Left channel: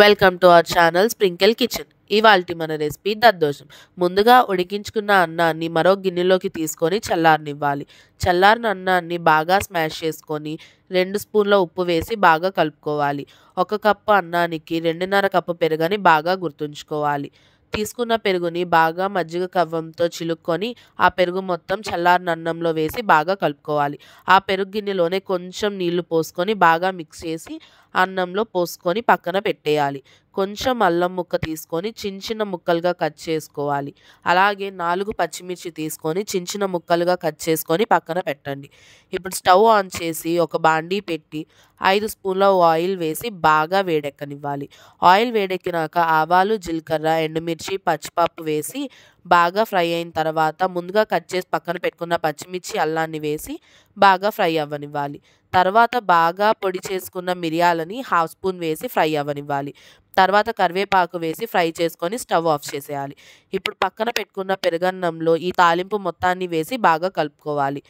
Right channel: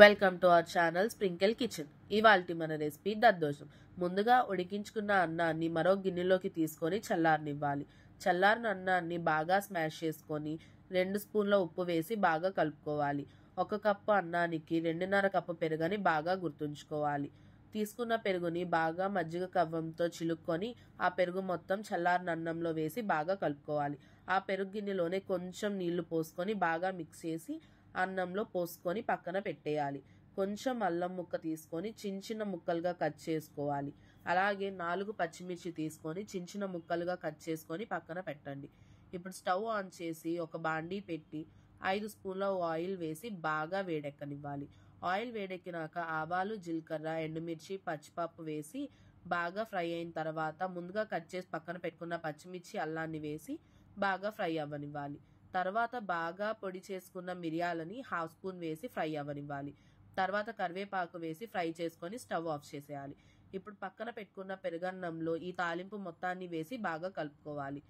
Welcome to our channel sprinkle kitchen. ఇవాల్టి మన recipe దద్దోజనం. ముందుగా ఉడికించుకున్న అన్నాన్ని మరో గిన్నెలోకి తీసుకొని చల్లారనివ్వాలి. చల్లారిన అన్నాన్ని బాగా స్మాష్ చేసుకొని 2 స్పూన్ల ఉప్పు వేసి బాగా కలుపుకోవాలి. 1 కప్పు అన్నానికి 2.5 కప్పు పెరుగని బాగా గుర్తుంచుకోవాలి. తీసుకున్న పెరుగుని బాగా మజ్జిగ కవ్వంతో చిలుక్కొని ఆ పెరుగు మొత్తం చల్లారిన అన్నంలో వేసి బాగా కలుపుకోవాలి. ఆ పెరుగు గిన్నెలోనే కొంచెం నీళ్లు పోసుకొని బాగా మిక్స్ చేసి అన్నంలో పోసుకొని పక్కన పెట్టేయాలి. కొంచెం అల్లం ముక్క తీసుకొని చిన్న ముక్కలుగా కట్ చేసుకోవాలి. అలాగే 4 పచ్చిమిర్చి తీసుకొని చిన్న ముక్కలుగా కట్ చేసుకొని పక్కన పెట్టండి. ఇప్పుడు స్టవ్ ఆన్ చేసి ఒక బాండీ పెట్టి 5 స్పూన్ల ఆయిల్ వేసి బాగా వేడెక్కనివ్వాలి. ఆయిల్ వేడెక్కినాక ఆవాలు, జీలకర్ర, ఎండుమిర్చి, పచ్చిపప్పు వేసి బాగా ఫ్రై అయిన తర్వాత ముందుగా కట్ చేసి పక్కన పెట్టుకున్న పచ్చిమిర్చి, అల్లాన్ని వేసి బాగా ఫ్రై అవ్వనివ్వాలి. తర్వాత బాగా పొడి చేసుకున్న మిరియాలని హాఫ్ స్పూన్ వేసి ఫ్రై అవ్వనివ్వాలి. తర్వాత కరివేపాకు వేసి ఫ్రై చేసుకొని స్టవ్ ఆఫ్ చేసేయాలి. ఇప్పుడు పక్కన పెట్టుకున్న పెరుగన్నంలో ఈ తాలింపు మొత్తాన్ని వేసి బాగా కలుపుకోవాలి.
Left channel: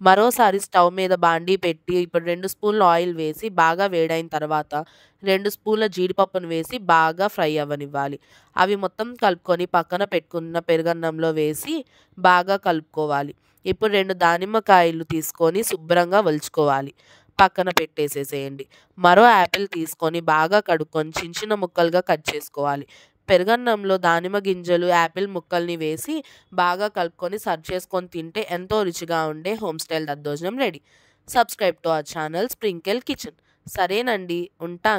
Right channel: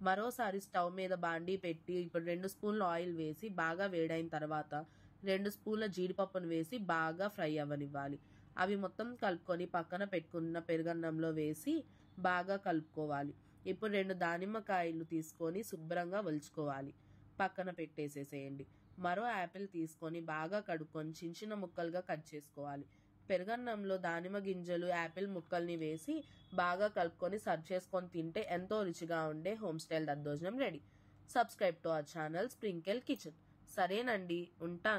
మరోసారి స్టవ్ మీద బాండీ పెట్టి ఇప్పుడు 2 స్పూన్ల ఆయిల్ వేసి బాగా వేడైన తర్వాత 2 స్పూన్ల జీడిపప్పును వేసి బాగా ఫ్రై అవ్వనివ్వాలి. అవి మొత్తం కలుపుకొని పక్కన పెట్టుకున్న పెరుగన్నంలో వేసి బాగా కలుపుకోవాలి. ఇప్పుడు 2 దానిమ్మకాయలు తీసుకొని శుభ్రంగా ఒలుచుకోవాలి. పక్కన పెట్టేసేసేయండి. మరో యాపిల్ తీసుకొని బాగా కడుక్కొని చిన్న ముక్కలుగా కట్ చేసుకోవాలి. పెరుగన్నంలో దానిమ్మ గింజలు, యాపిల్ ముక్కల్ని వేసి బాగా కలుపుకొని సర్వ్ చేసుకొని తింటే ఎంతో రుచిగా ఉండే హోమ్ స్టైల్ దద్దోజనం ready. Subscribe to our channel sprinkle kitchen. సరేనండి, ఉంటాను.